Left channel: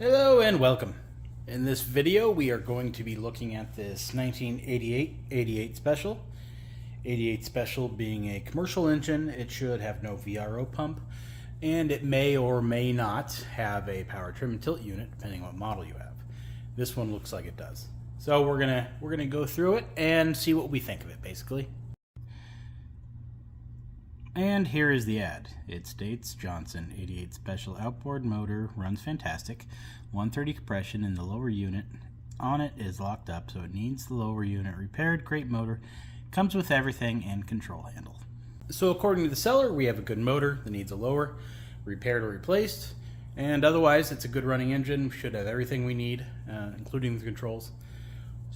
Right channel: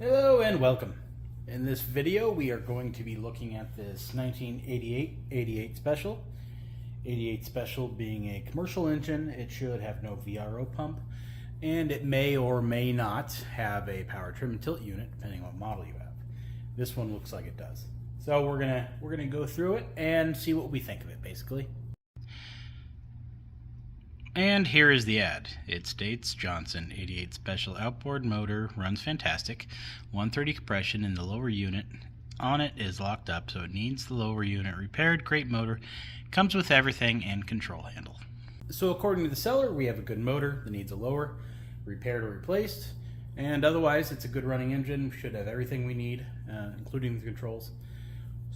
Hello and welcome. In this video we are going to be looking at this 1988 88 Special. 88 Special being a commercial engine, it should have no VRO pump, and it may or may not have a power trim and tilt unit depending on what model you have. This one looks like it does. So we're gonna go through it and see what we think of it basically. And here is the ad. It states Johnson 88 Special outboard motor runs fantastic. 130 compression in the lower unit on it is locked up, so it needs the lower unit repaired. Great motor. Comes with everything and control handle. So according to the seller, we have a good motor that needs a lower, repaired or replaced. And otherwise, it's a good running engine. Should have everything we need, including the controls.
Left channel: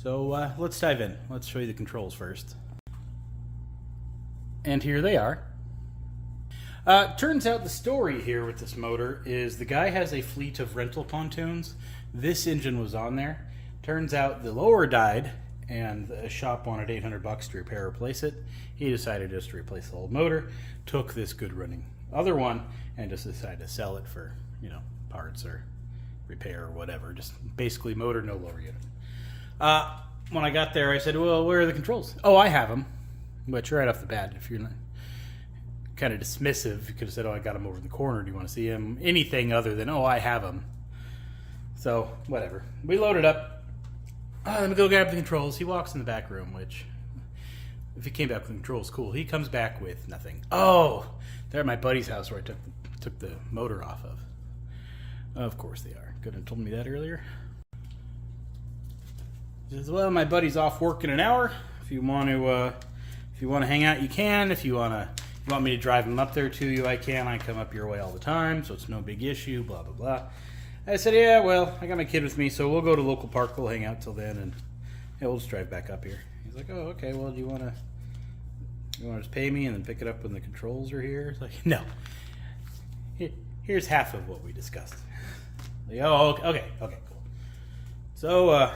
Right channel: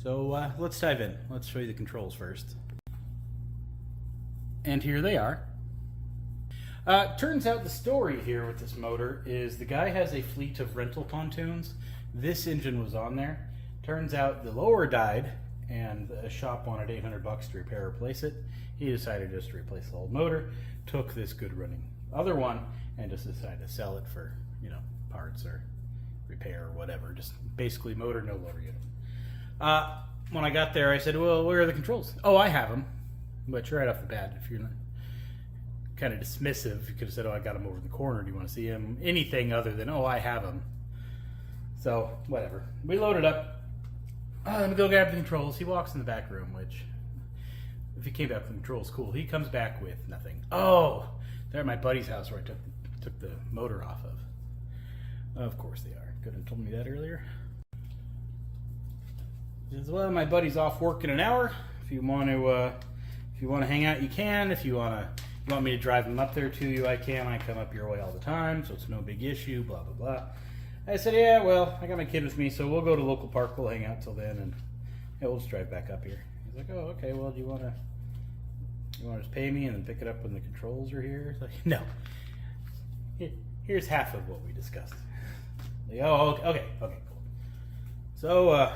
So let's dive in. Let's show you the controls first. And here they are. Turns out the story here with this motor is the guy has a fleet of rental pontoons. This engine was on there. Turns out the lower died and the shop wanted $800 to repair or replace it. He decided just to replace the whole motor, took this good running other one and just decided to sell it for, you know, parts or repair or whatever. Just basically motor, no lower unit. When I got there I said, well, where are the controls? Oh, I have them. Which right off the bat, if you're not kind of dismissive, you could have said, oh, I got him over in the corner, do you want to see him? Anything other than, oh, I have him. So whatever, we loaded up. Let me go grab the controls. He walks in the back room, which if he came back with the controls, cool. He comes back with nothing. Oh, they're at my buddy's house where I took the motor off of. Of course they are. Could have told me that earlier. He says, well, my buddy's off work in an hour. If you want to hang out, you can. If you want me to drive him up there to you, I can. I come up your way all the time, so it's no big issue, blah, blah, blah. I said, yeah, well, I got my kid with me, so we'll go to local park. We'll hang out till then, and yeah, we'll just drive back up here. He's like, oh, okay, well, do you want to just pay me and then pick it up when the controls are here? It's like, no. Here's half of what we discussed. Like, oh, okay, cool. So,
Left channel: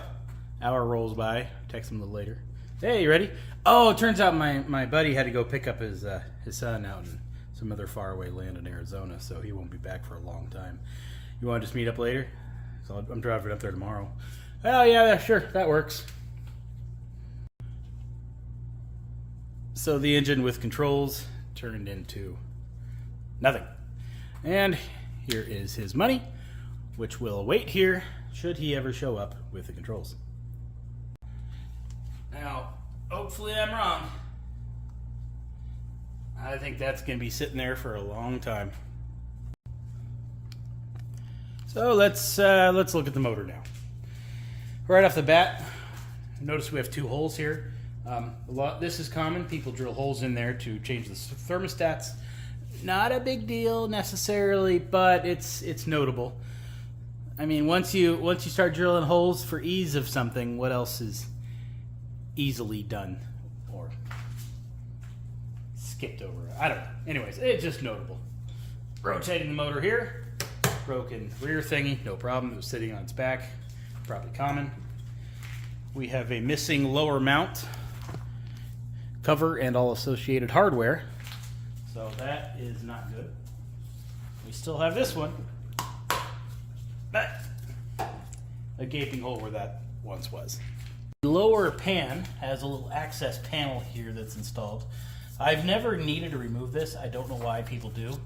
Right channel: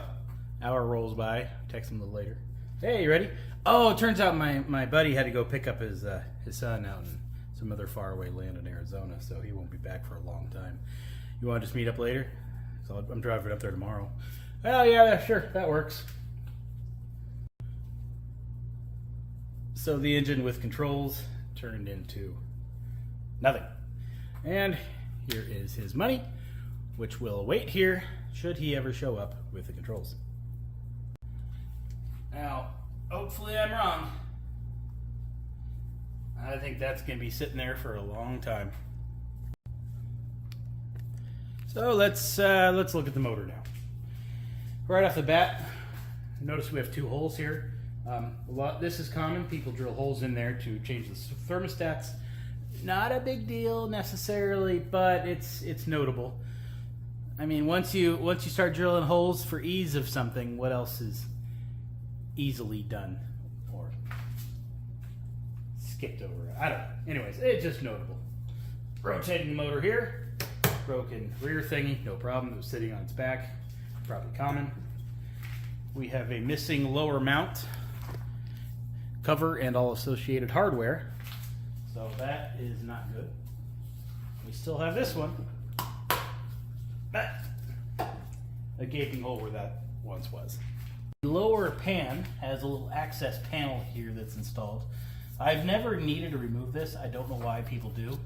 hour rolls by. Text him a little later. Hey, you ready? Oh, it turns out my buddy had to go pick up his son out in some other faraway land in Arizona, so he won't be back for a long time. You want to just meet up later? So I'm driving up there tomorrow. Oh, yeah, sure, that works. So the engine with controls turned into nothing. And here is his money, which will await here should he ever show up with the controls. Now, hopefully I'm wrong. I think that's going to be sitting there for a long time. So let's look at the motor now. Right off the bat, notice we have two holes here. This is common. People drill holes in there to change the thermostats. Not a big deal necessarily, but it's notable. I mean, once you start drilling holes for ease of something, what else is easily done or skipped over? I don't know. Anyways, it's just notable. Rotating the motor here. Broken rear thingy, no problem. It was sitting on its back. Probably common. We have a missing lower mount cover and all associated hardware. So that is not good. We still have this one. But a gaping hole where that once was. The lower pan has a little access panel here that's installed. I've never needed to remove this. I don't know why people do,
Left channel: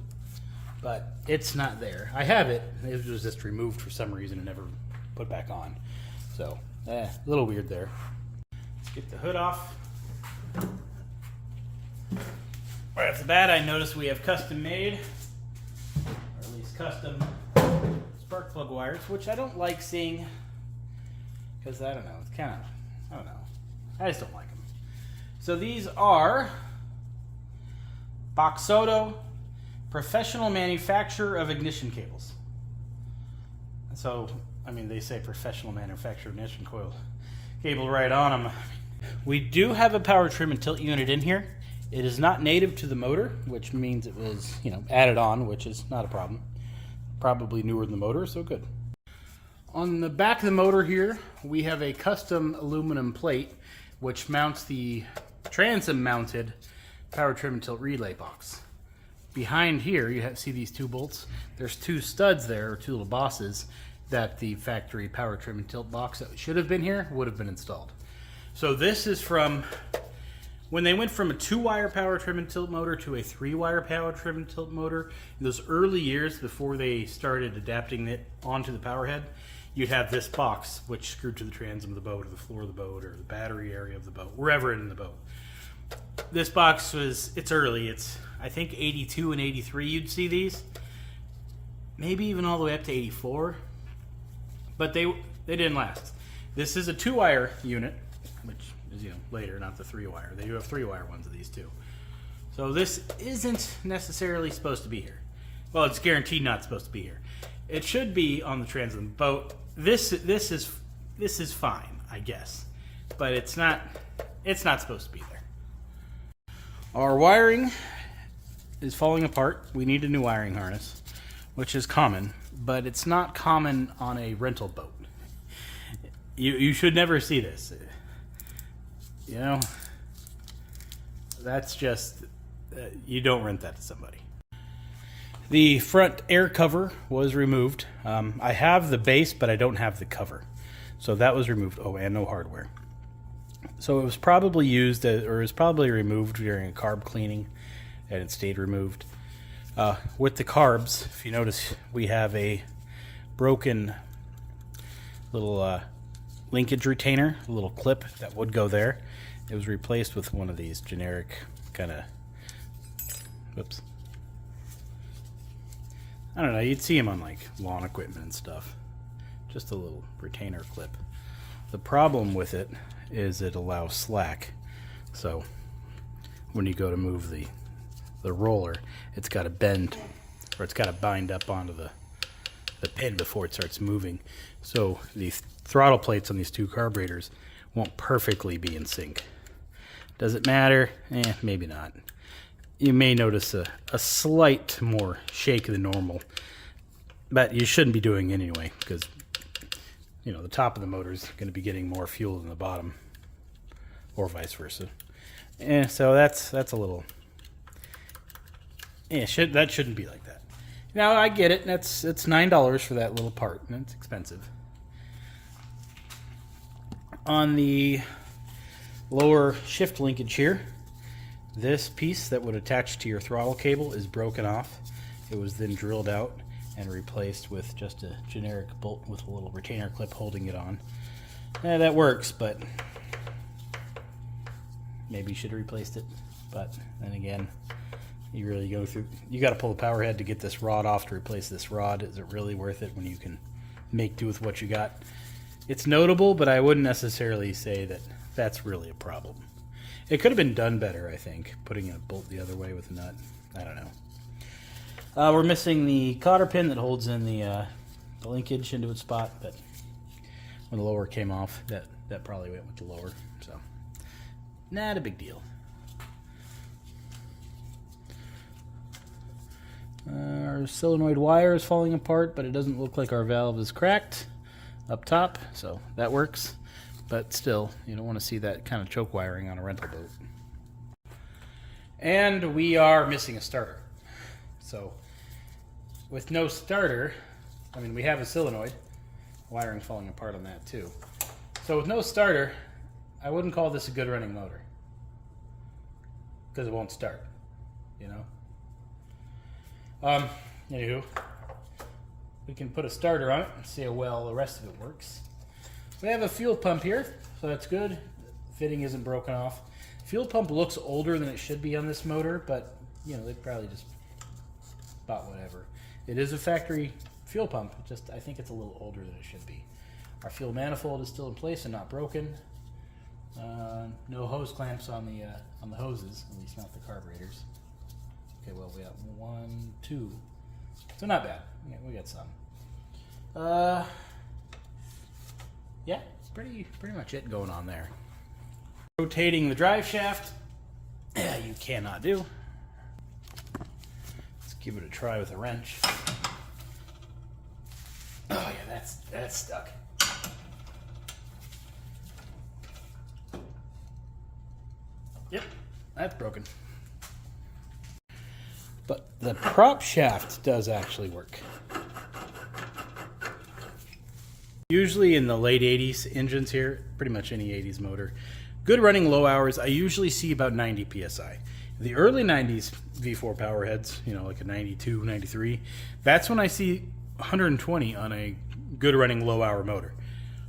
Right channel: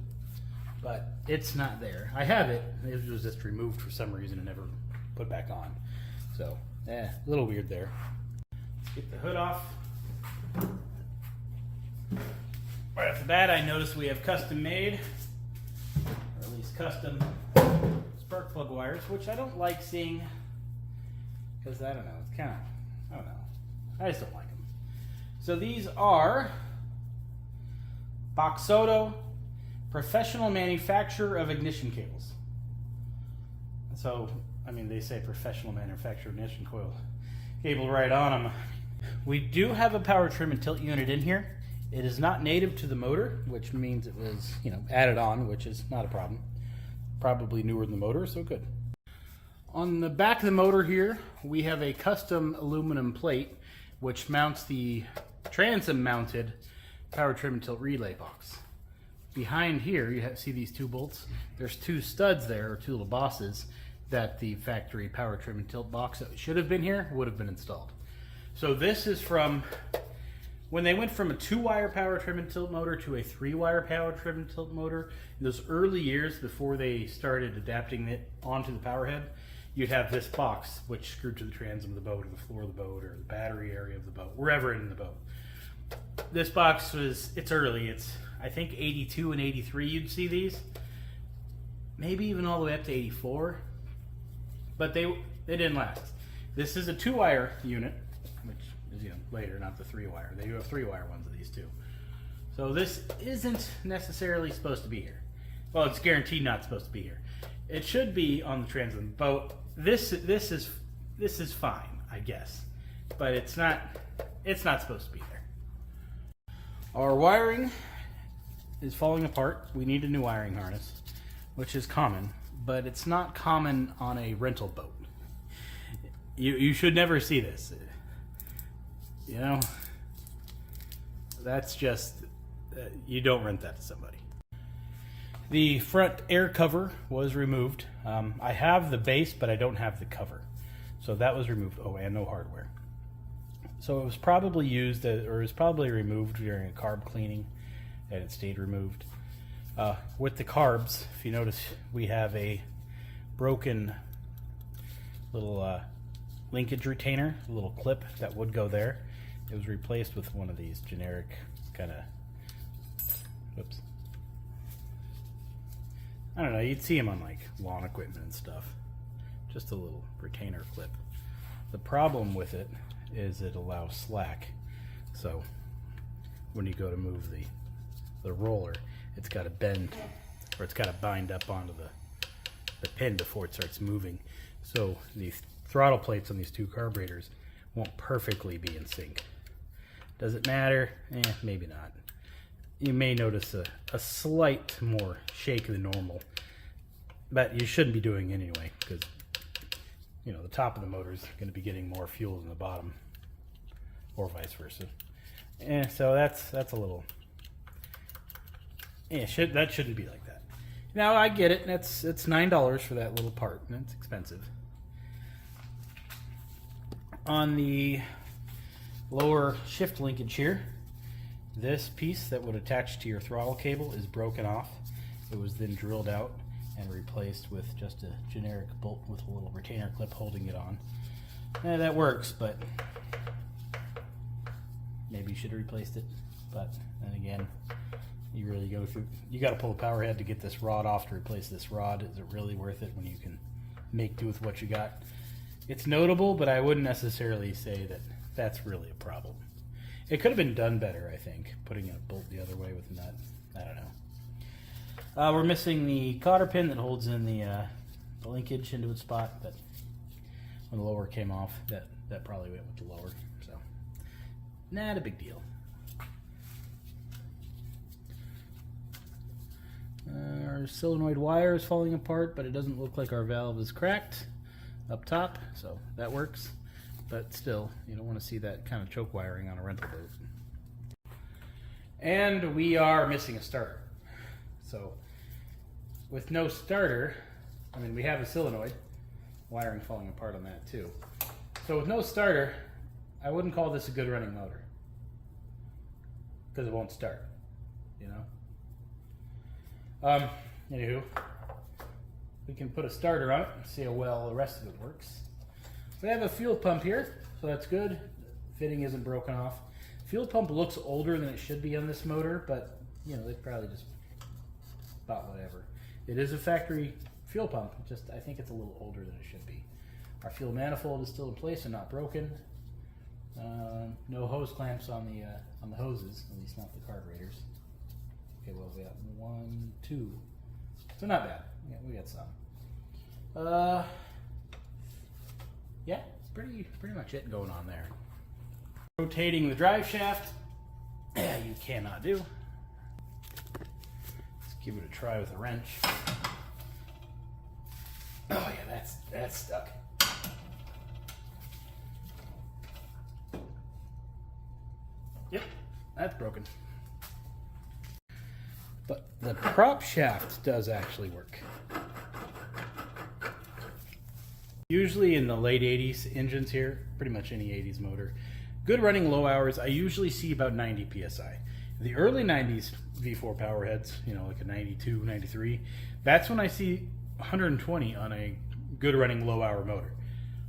but it's not there. I have it. It was just removed for some reason and never put back on. So, a little weird there. Let's get the hood off. Right off the bat, I noticed we have custom made, or at least custom spark plug wires, which I don't like seeing because I don't know. It's kind of, I don't know. I just don't like them. So these are Boxoto Professional Manufacturer of Ignition Cables. So, I mean, they say professional manufacturer of ignition coil cable right on them. We do have a power trim and tilt unit in here. It is not native to the motor, which means it was, added on, which is not a problem. Probably newer than the motor, so good. On the back of the motor here, we have a custom aluminum plate, which mounts the transom-mounted power trim and tilt relay box. Behind here, see these two bolts? There's two studs there, or two little bosses, that the factory power trim and tilt box that should have been here would have been installed. So this is from when they went from a 2-wire power trim and tilt motor to a 3-wire power trim and tilt motor. In those early years before they started adapting it onto the power head, you'd have this box which screwed to the transom of the boat or the floor of the boat or the battery area of the boat, wherever in the boat. This box it's early. It's, I think, 82 and 83 you'd see these. Maybe even all the way up to 84. But they didn't last. This is a 2-wire unit, which is, later, not the 3-wire. They do have 3-wire ones of these too. So this isn't necessarily supposed to be here. Well, it's guaranteed not supposed to be here. It should be on the transom of the boat. This is fine, I guess, but it's not supposed to be there. Our wiring is falling apart. We need a new wiring harness, which is common, but it's not common on a rental boat. You should never see this. That's just, you don't rent that to somebody. The front air cover was removed. I have the base, but I don't have the cover. So that was removed. Oh, and no hardware. So it was probably used, or it was probably removed during a carb cleaning, and it stayed removed. With the carbs, if you notice, we have a broken little linkage retainer, a little clip that would go there. It was replaced with one of these generic kind of, whoops. I don't know, you'd see them on like lawn equipment and stuff. Just a little retainer clip. The problem with it is it allows slack. So when you go to move the roller, it's got to bend, or it's got to bind up onto the pin before it starts moving. So the throttle plates on these two carburetors won't perfectly be in sync. Does it matter? Maybe not. You may notice a slight more shake than normal, but you shouldn't be doing it anyway, because the top of the motor is going to be getting more fuel than the bottom, or vice versa. So that's a little. That shouldn't be like that. Now I get it. It's $9 for that little part, and it's expensive. On the lower shift linkage here, this piece that would attach to your throttle cable is broken off. It was then drilled out and replaced with just a generic bolt with a little retainer clip holding it on. That works, but maybe you should have replaced it. But then again, you really go through, you got to pull the power head to get this rod off to replace this rod. Is it really worth it when you can make do with what you got? It's notable, but I wouldn't necessarily say that that's really a problem. It could have been done better, I think, putting a bolt the other way with a nut. I don't know. We're missing the cotter pin that holds in the linkage into its spot, but when the lower came off, that probably went with the lower. So, not a big deal. Our solenoid wire is falling apart, but it doesn't look like our valve is cracked up top, so that works. But still, you don't want to see that kind of choke wiring on a rental boat. And we are missing a starter. So, with no starter, I mean, we have a solenoid. Wiring falling apart on that too. So with no starter, I wouldn't call this a good running motor. Because it won't start, Anywho, we can put a starter on it and see how well the rest of it works. We have a fuel pump here, so that's good. Fitting isn't broken off. Fuel pump looks older than it should be on this motor, but they probably just bought whatever. It is a factory fuel pump, I think it's a little older than it should be. Our fuel manifold is still in place and not broken. No hose clamps on the hoses, at least not the carburetors. Okay, well, we got 1, 2, so not bad. We got some. Yeah, pretty much it going on there. Rotating the drive shaft, you cannot do. Let's give it a try with a wrench. Oh yeah, that's stuck. Yep, that's broken. But the prop shaft does actually work. Usually in the late 80s engines here, pretty much any 80s motor, good running low hours, I usually see about 90 psi. The early 90s V4 powerheads, you know, like a 92, 93, that's when I see 120 on a good running low hour motor.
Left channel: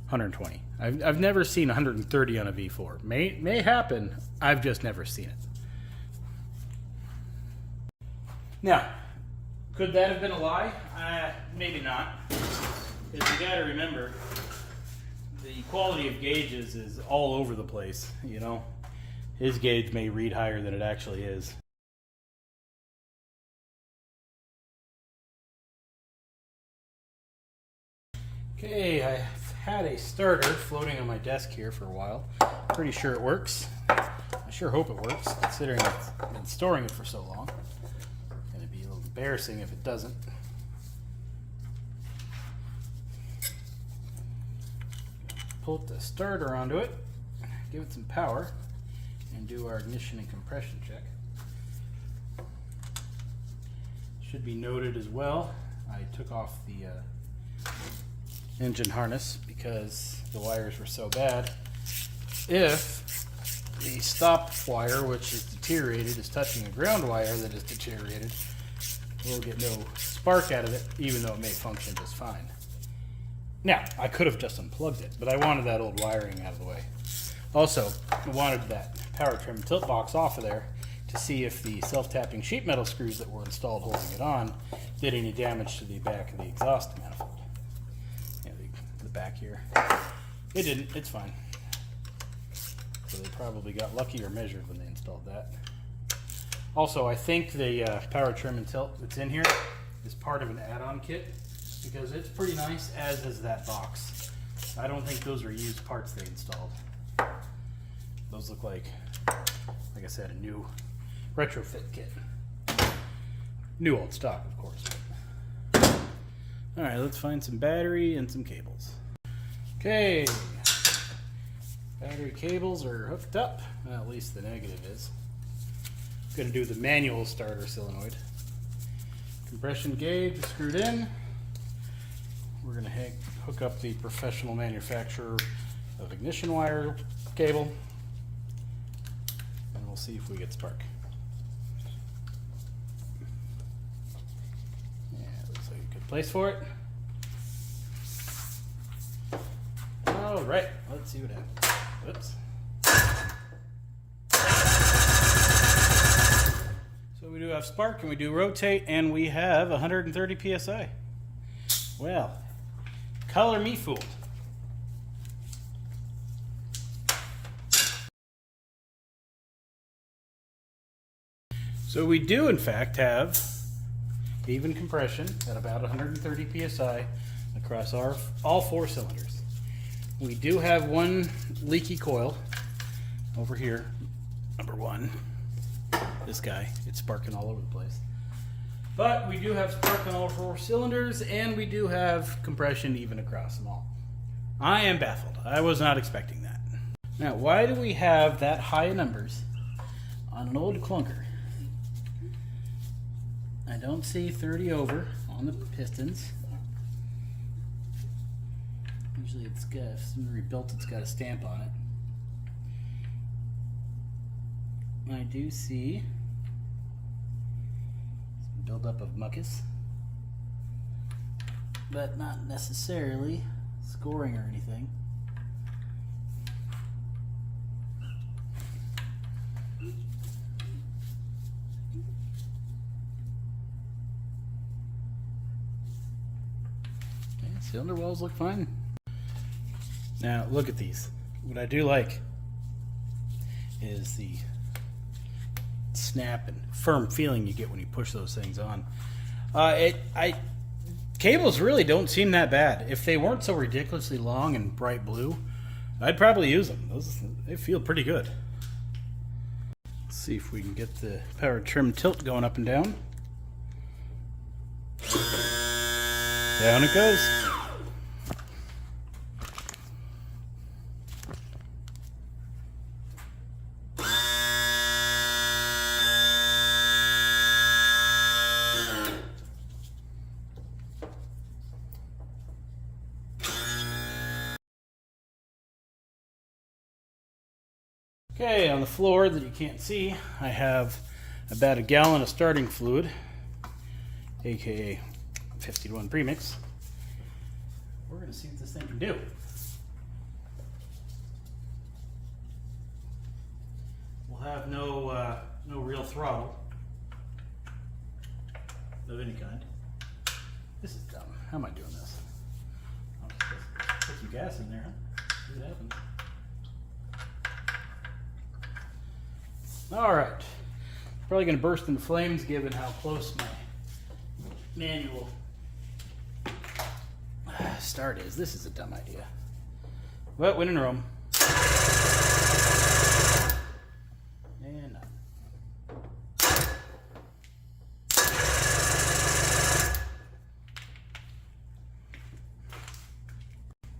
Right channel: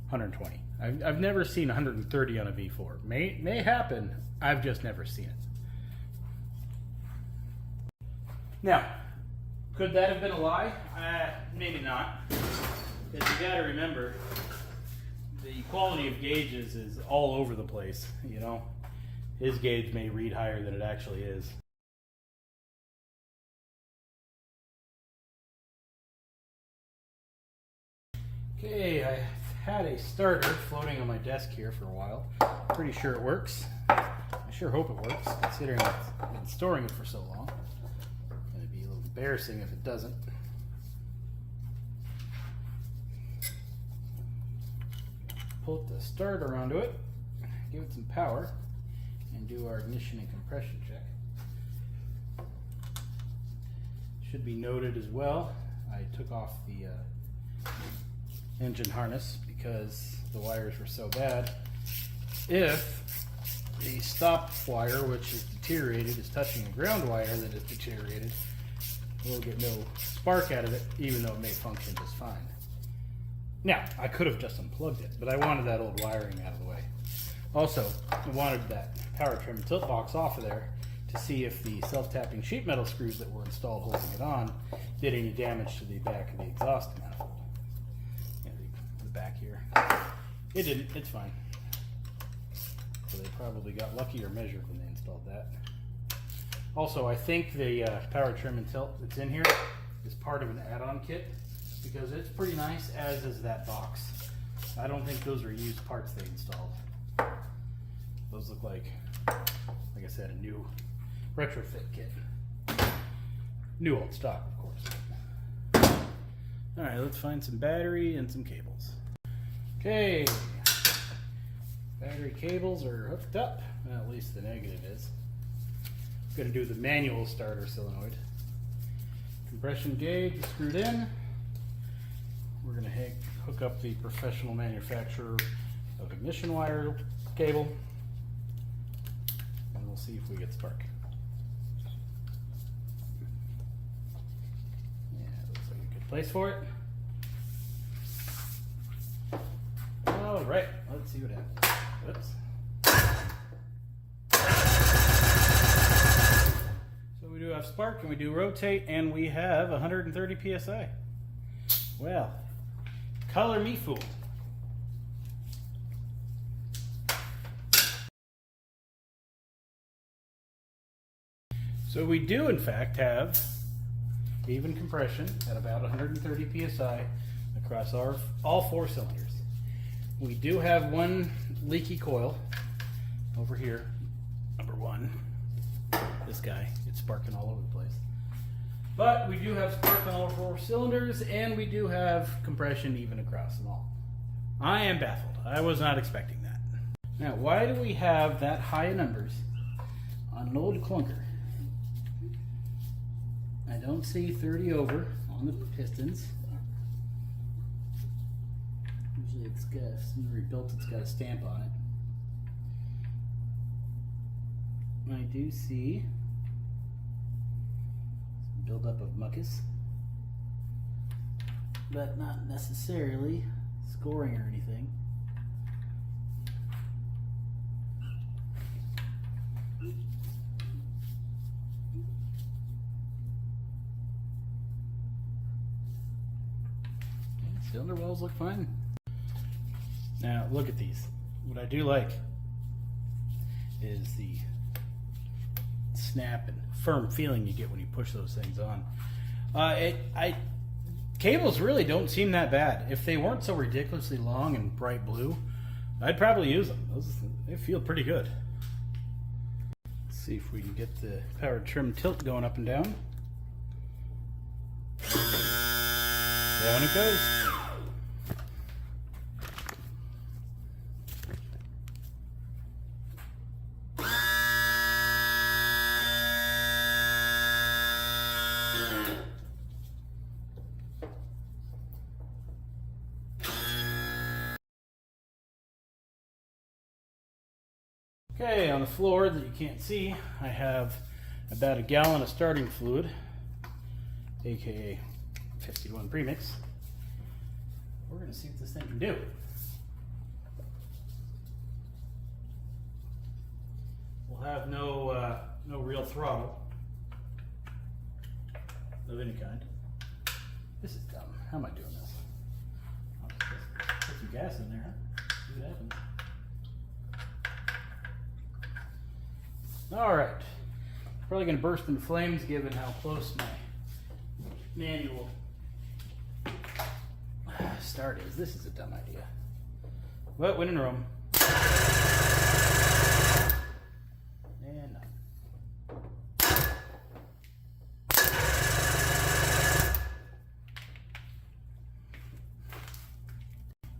120. I've never seen 130 on a V4. May happen, I've just never seen it. Now, could that have been a lie? Maybe not. Because you gotta remember, the quality of gauges is all over the place, you know. His gauge may read higher than it actually is. Okay, I've had a starter floating on my desk here for a while. Pretty sure it works. I sure hope it works, considering I've been storing it for so long. It'd be a little embarrassing if it doesn't. Pull the starter onto it, give it some power, and do our ignition and compression check. Should be noted as well, I took off the engine harness because the wires were so bad. If the stop wire, which is deteriorated, is touching the ground wire that is deteriorated, we'll get no spark out of it, even though it may function just fine. Now, I could have just unplugged it, but I wanted that old wiring out of the way. Also, I wanted that power trim tilt box off of there to see if the self-tapping sheet metal screws that were installed holding it on did any damage to the back of the exhaust manifold. Yeah, the back here. It didn't, it's fine. So they probably got lucky or measured when they installed that. Also, I think the power trim and tilt that's in here is part of an add-on kit, because it's pretty nice, as is that box. I don't think those are used parts they installed. Those look like I said, a new retrofit kit. New old stock, of course. Alright, let's find some battery and some cables. Okay, battery cables are hooked up. Well, at least the negative is. I'm going to do the manual starter solenoid. Compression gauge screwed in. We're going to hook up the professional manufacturer of ignition wire cable, and we'll see if we get spark. Yeah, looks like a good place for it. All right, let's see what happens. Oops. So we do have spark, and we do rotate, and we have 130 psi. Well, color me fooled. So we do in fact have even compression at about 130 psi across all four cylinders. We do have one leaky coil over here, number one. This guy, it's sparking all over the place. But we do have spark on all four cylinders, and we do have compression even across them all. I am baffled. I was not expecting that. Now, why do we have that high numbers on an old clunker? I don't see 30 over on the pistons. Usually it's got, if somebody rebuilt it's got a stamp on it. I do see some buildup of mucus, but not necessarily scoring or anything. Cylinder walls look fine. Now look at these. What I do like is the snap and firm feeling you get when you push those things on. Cables really don't seem that bad. If they weren't so ridiculously long and bright blue, I'd probably use them. They feel pretty good. Let's see if we can get the power trim tilt going up and down. Down it goes. Okay, on the floor that you can't see, I have about a gallon of starting fluid, aka 50-to-1 premix. We're going to see what this thing can do. We'll have no real throttle of any kind. This is dumb. How am I doing this? I'll put some gas in there, huh? See what happens. All right. Probably going to burst into flames given how close my manual start is. This is a dumb idea. But when in Rome. And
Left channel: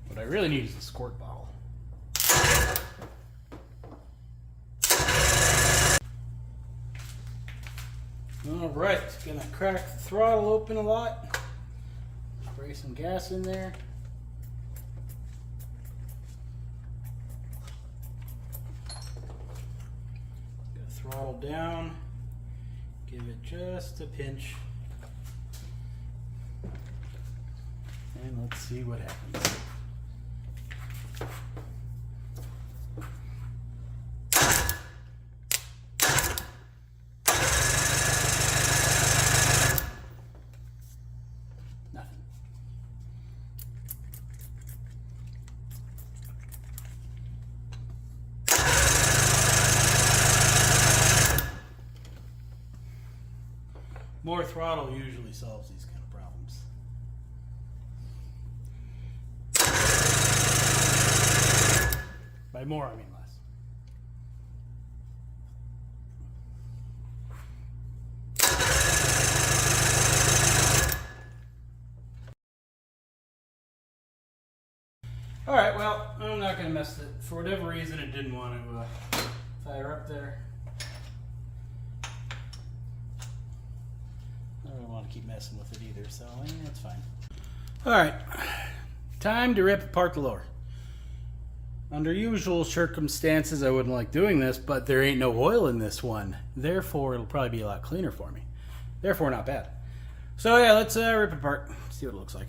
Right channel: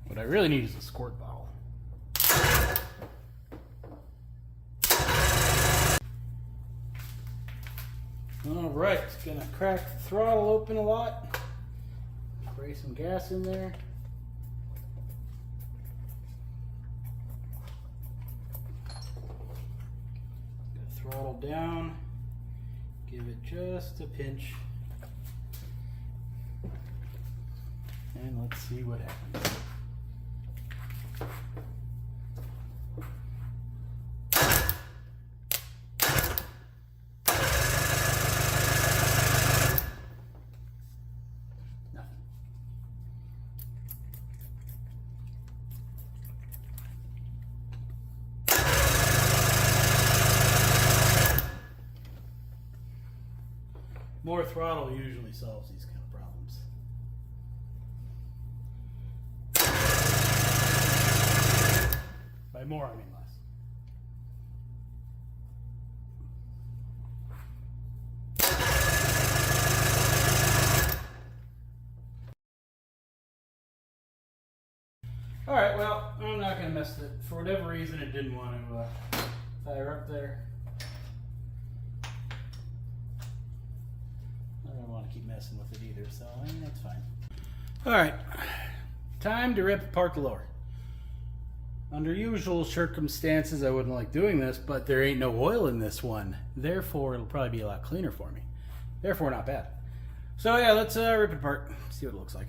what I really need is a squirt bottle. All right, it's gonna crack the throttle open a lot. Spray some gas in there. Got throttle down. Give it just a pinch. And let's see what happens. More throttle usually solves these kind of problems. By more, I mean less. All right, well, I'm not going to mess it. For whatever reason, it didn't want to fire up there. I don't want to keep messing with it either, so that's fine. All right, time to rip apart the lower. Under usual circumstances, I wouldn't like doing this, but there ain't no oil in this one. Therefore, it'll probably be a lot cleaner for me. Therefore, not bad. So yeah, let's rip it apart, see what it looks like.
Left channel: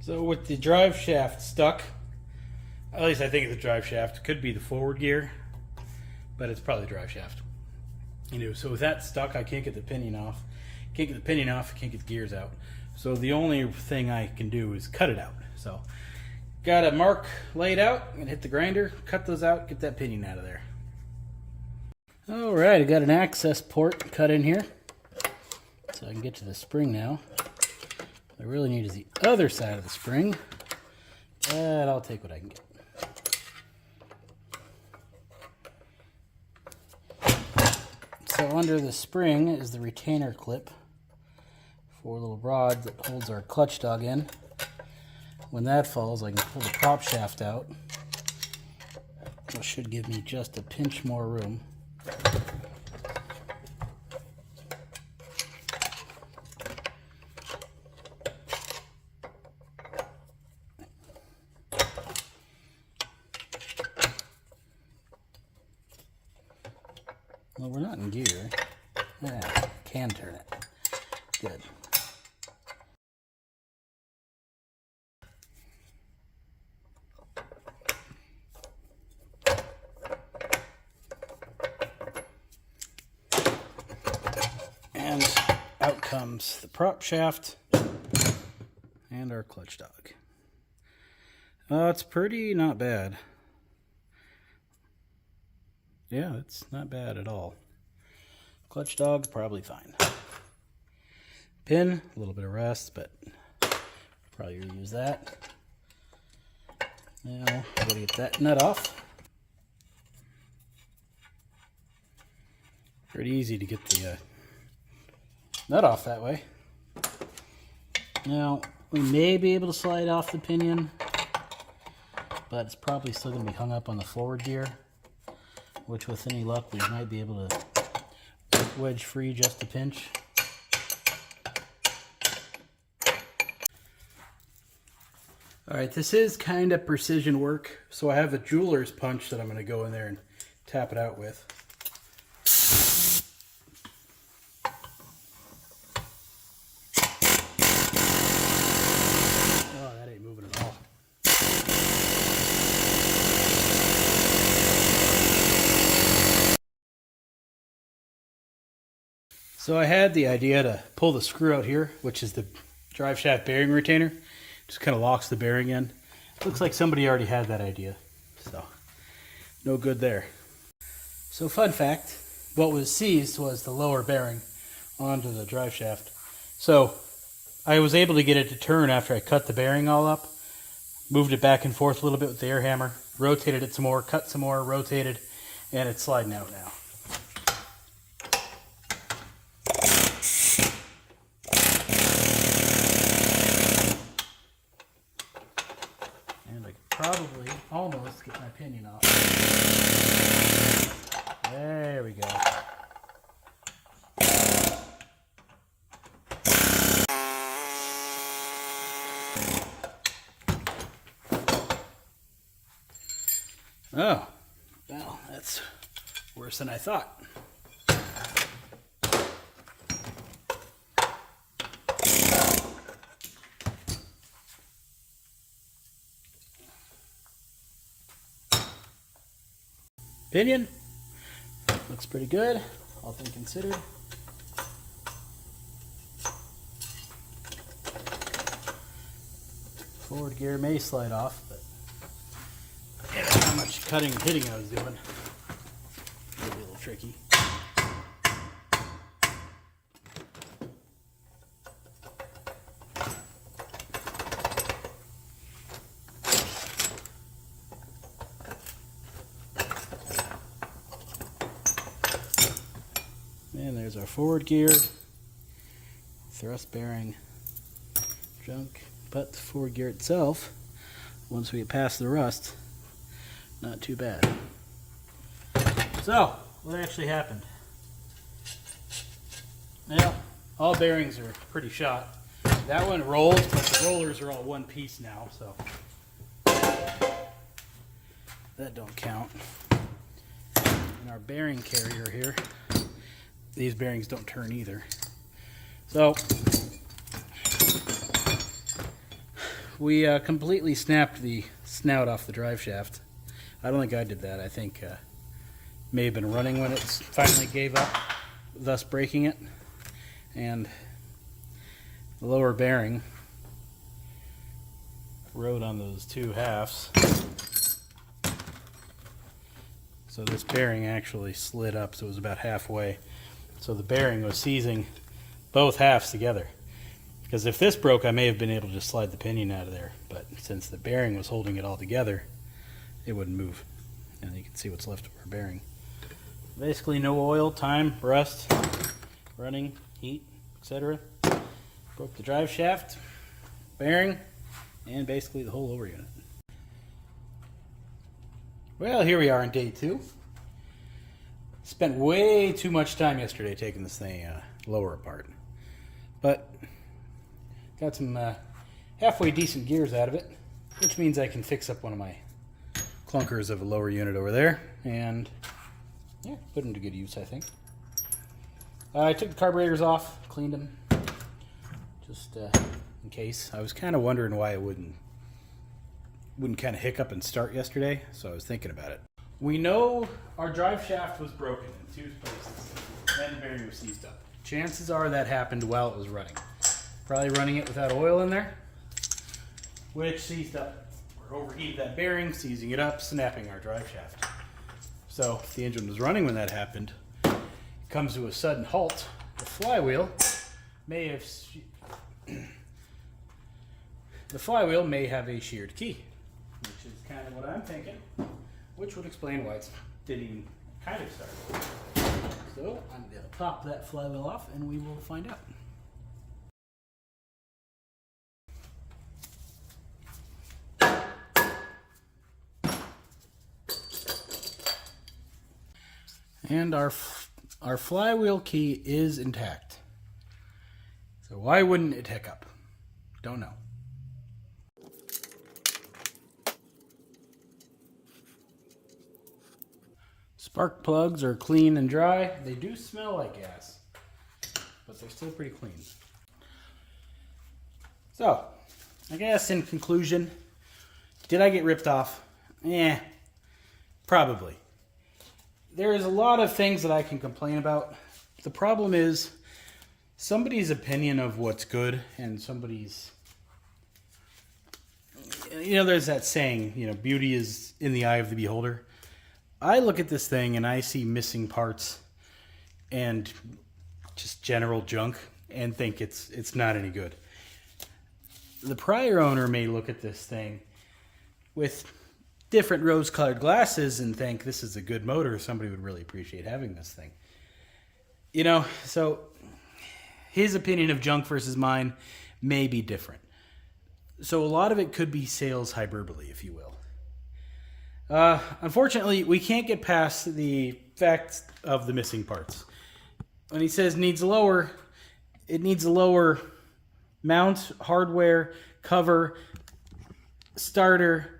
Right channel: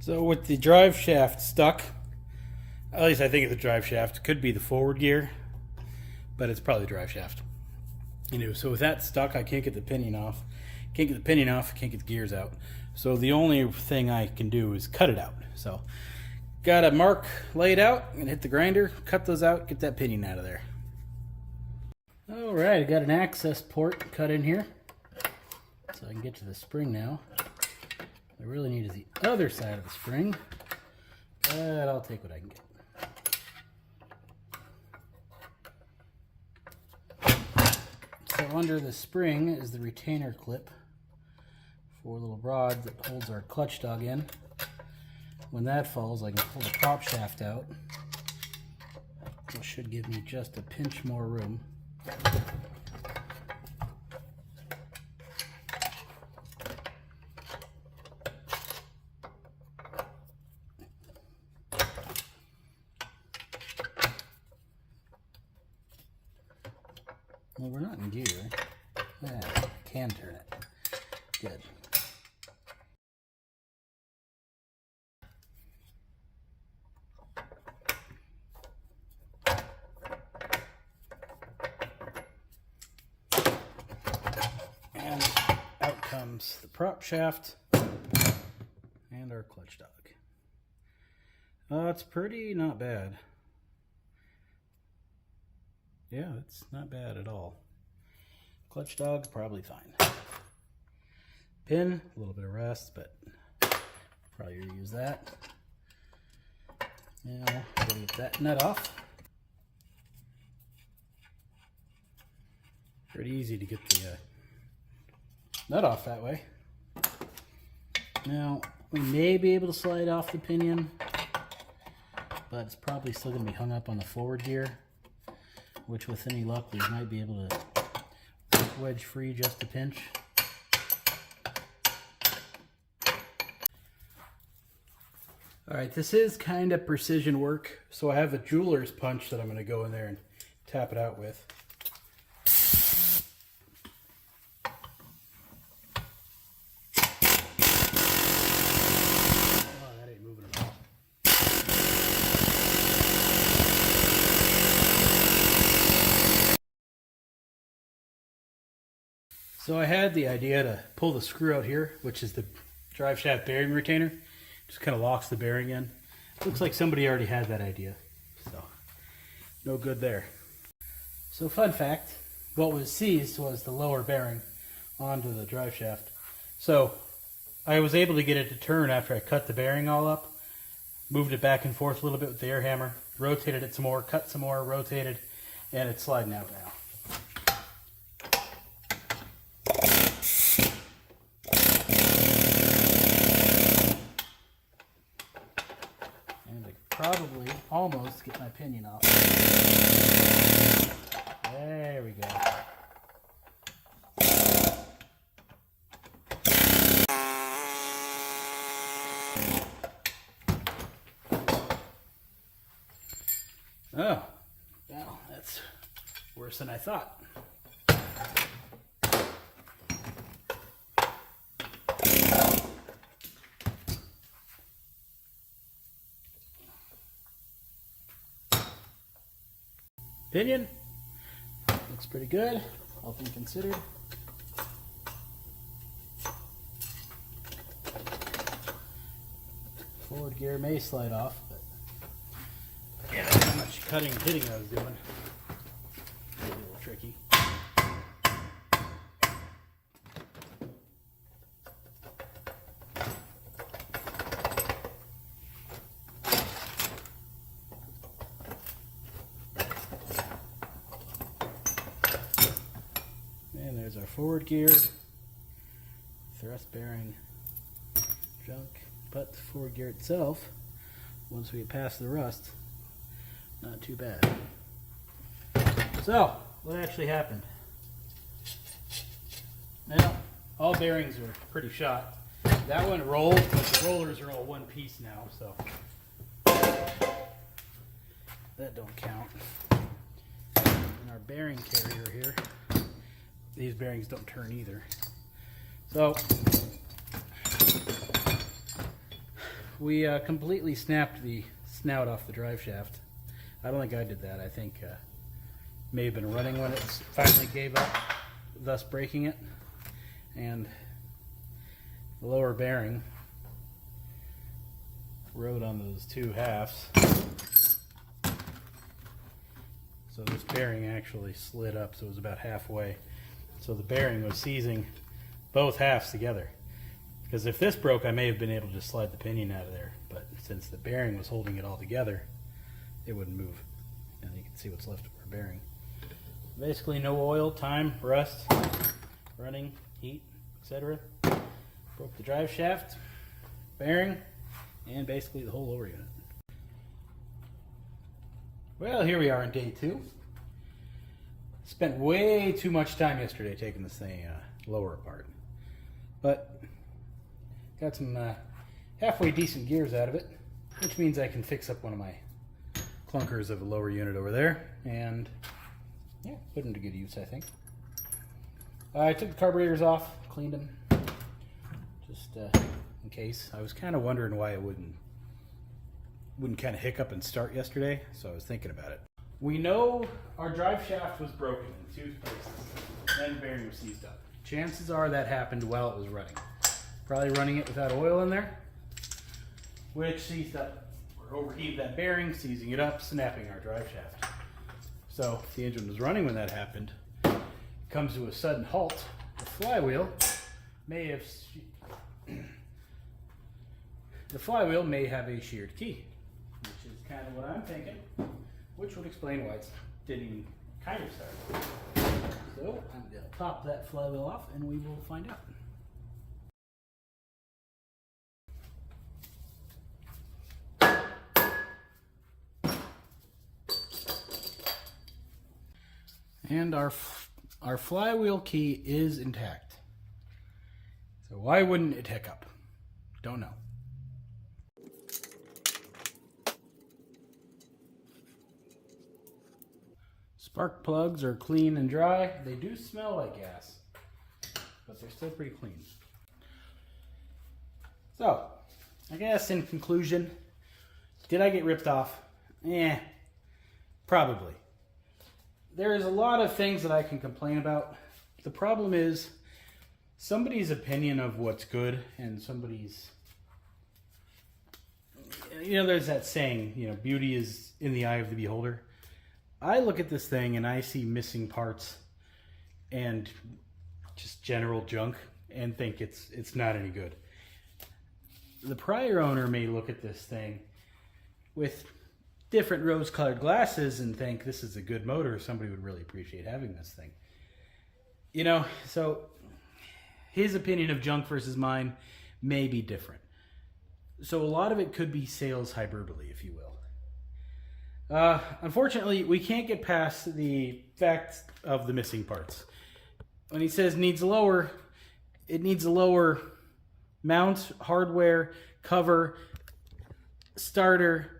So with the drive shaft stuck, at least I think it's the drive shaft, could be the forward gear, but it's probably the drive shaft. Anyway, so with that stuck, I can't get the pinion off. Can't get the pinion off, can't get the gears out. So the only thing I can do is cut it out. So got a mark laid out, and hit the grinder, cut those out, get that pinion out of there. All right, I got an access port cut in here, so I can get to the spring now. What I really need is the other side of the spring, but I'll take what I can get. So under the spring is the retainer clip for a little rod that holds our clutch dog in. When that falls, I can pull the prop shaft out, which should give me just a pinch more room. Well, we're not in gear. Yeah, can turn it. Good. And out comes the prop shaft and our clutch dog. It's pretty not bad. Yeah, it's not bad at all. Clutch dog, probably fine. Pin, a little bit of rust, but probably reuse that. Now, I'm gonna get that nut off. Pretty easy to get the nut off that way. Now, we may be able to slide off the pinion, but it's probably still gonna be hung up on the forward gear, which with any luck we might be able to wedge free just a pinch. All right, this is kind of precision work, so I have a jeweler's punch that I'm going to go in there and tap it out with. Oh, that ain't moving at all. So I had the idea to pull the screw out here, which is the drive shaft bearing retainer. Just kind of locks the bearing in. Looks like somebody already had that idea, so no good there. So fun fact, what was seized was the lower bearing onto the drive shaft. So I was able to get it to turn after I cut the bearing all up, moved it back and forth a little bit with the air hammer, rotated it some more, cut some more, rotated, and it's sliding out now. Probably almost get my pinion off. There we go. Oh, well, that's worse than I thought. Pinion looks pretty good, all things considered. Forward gear may slide off, but yeah, how much cutting and hitting I was doing. A little tricky. And there's our forward gear, thrust bearing, junk, but the forward gear itself, once we get past the rust, not too bad. So, what actually happened? Yeah, all bearings are pretty shot. That one rolls, but the rollers are all one piece now, so that don't count. And our bearing carrier here, these bearings don't turn either. So we completely snapped the snout off the drive shaft. I don't think I did that. I think may have been running when it finally gave up, thus breaking it. And the lower bearing rode on those two halves. So this bearing actually slid up, so it was about halfway. So the bearing was seizing both halves together. Because if this broke, I may have been able to just slide the pinion out of there. But since the bearing was holding it all together, it wouldn't move. And you can see what's left of our bearing. Basically no oil, time, rust, running, heat, etc. Broke the drive shaft, bearing, and basically the whole lower unit. Well, here we are on day 2. Spent way too much time yesterday taking this thing lower apart. But got some halfway decent gears out of it, which means I can fix up one of my clunkers of a lower unit over there and yeah, put them to good use, I think. I took the carburetors off, cleaned them, just in case. I was kind of wondering why it wouldn't kind of hiccup and start yesterday, so I was thinking about it. We know our drive shaft was broken in 2 places, and the bearing was seized up. Chances are that happened while it was running. Probably running it without oil in there, which seized up or overheated that bearing, seizing it up, snapping our drive shaft. So if the engine was running when that happened, it comes to a sudden halt. The flywheel may have a sheared key, which is kind of what I'm thinking, which would explain why it didn't even kind of start. So I'm going to pop that flywheel off and we will find out. And our Our flywheel key is intact. So why wouldn't it hiccup? Don't know. Spark plugs are clean and dry. They do smell like gas, but they're still pretty clean. So, I guess in conclusion, did I get ripped off? Probably. There's a lot of things that I can complain about. The problem is somebody's opinion of what's good and somebody's, there's that saying, beauty is in the eye of the beholder. I look at this thing and I see missing parts and just general junk and think it's not any good. The prior owner may look at this thing with different rose-colored glasses and think this is a good motor. Somebody would really appreciate having this thing. So his opinion of junk versus mine may be different. So a lot of it could be sales hyperbole, if you will. Unfortunately, we can't get past the fact of the missing parts. When he says it needs a lower mount, hardware, cover, starter,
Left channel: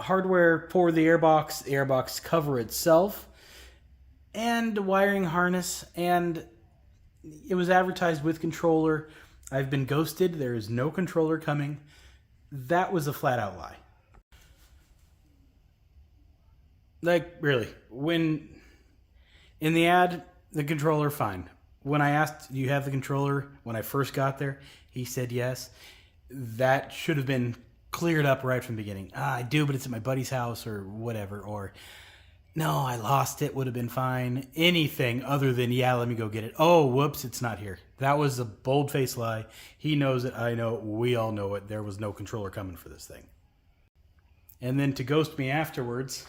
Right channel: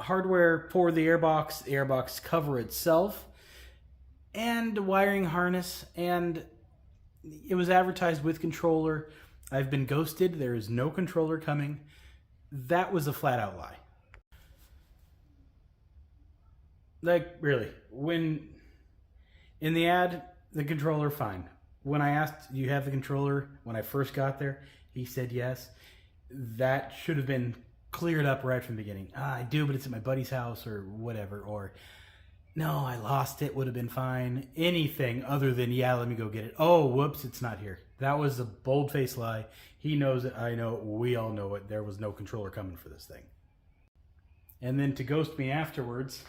hardware for the airbox cover itself, and wiring harness, and it was advertised with controller. I've been ghosted. There is no controller coming. That was a flat out lie. Like, really, when in the ad, the controller, fine. When I asked, do you have the controller? When I first got there, he said yes. That should have been cleared up right from the beginning. I do, but it's at my buddy's house or whatever. Or, no, I lost it, would have been fine. Anything other than, yeah, let me go get it. Oh, whoops, it's not here. That was a bold-faced lie. He knows it, I know it, we all know it. There was no controller coming for this thing. And then to ghost me afterwards,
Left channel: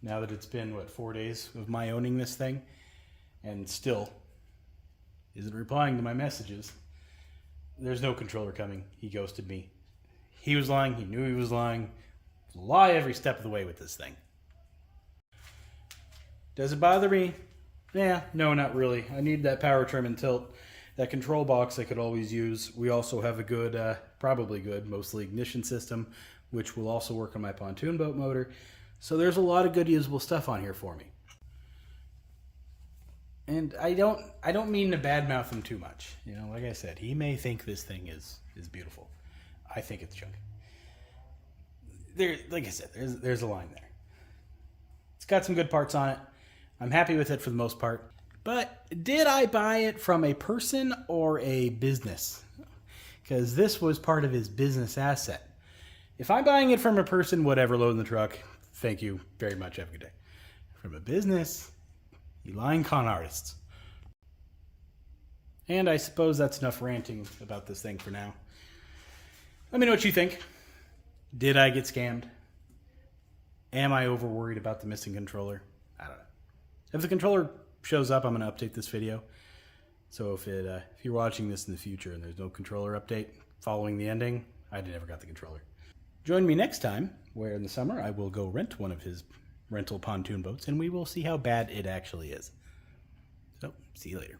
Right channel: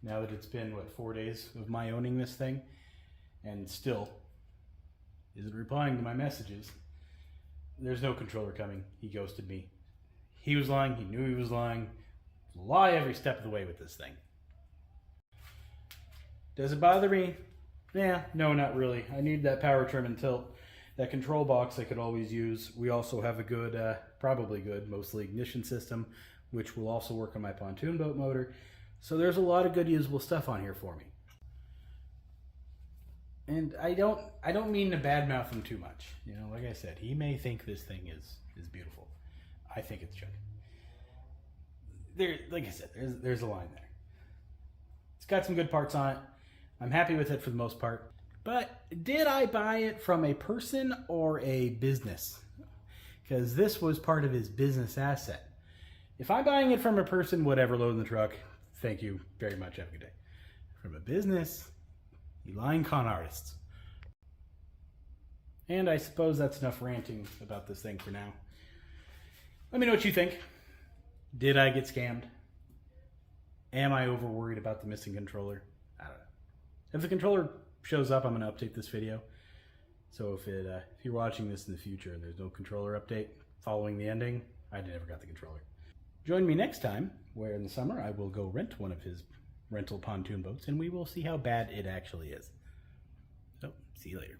now that it's been, 4 days of my owning this thing, and still isn't replying to my messages. There's no controller coming. He ghosted me. He was lying. He knew he was lying. Lie every step of the way with this thing. Does it bother me? Yeah, no, not really. I need that power trim and tilt. That control box I could always use. We also have a good, probably good, mostly ignition system, which will also work on my pontoon boat motor. So there's a lot of good usable stuff on here for me. And I don't mean to badmouth him too much. Like I said, he may think this thing is beautiful. I think it's junk. Like I said, there's a line there. It's got some good parts on it. I'm happy with it for the most part. But did I buy it from a person or a business? Because this was part of his business asset. If I'm buying it from a person, whatever, load in the truck, thank you very much. Have a good day. From a business, you lying con artists. And I suppose that's enough ranting about this thing for now. Let me know what you think. Did I get scammed? Am I over worried about the missing controller? I don't know. If the controller shows up, I'm going to update this video. So if you're watching this in the future and there's no controller update following the ending, I never got the controller. Join me next time, where in the summer I will go rent one of his rental pontoon boats, and we will see how bad it actually is. So, see you later.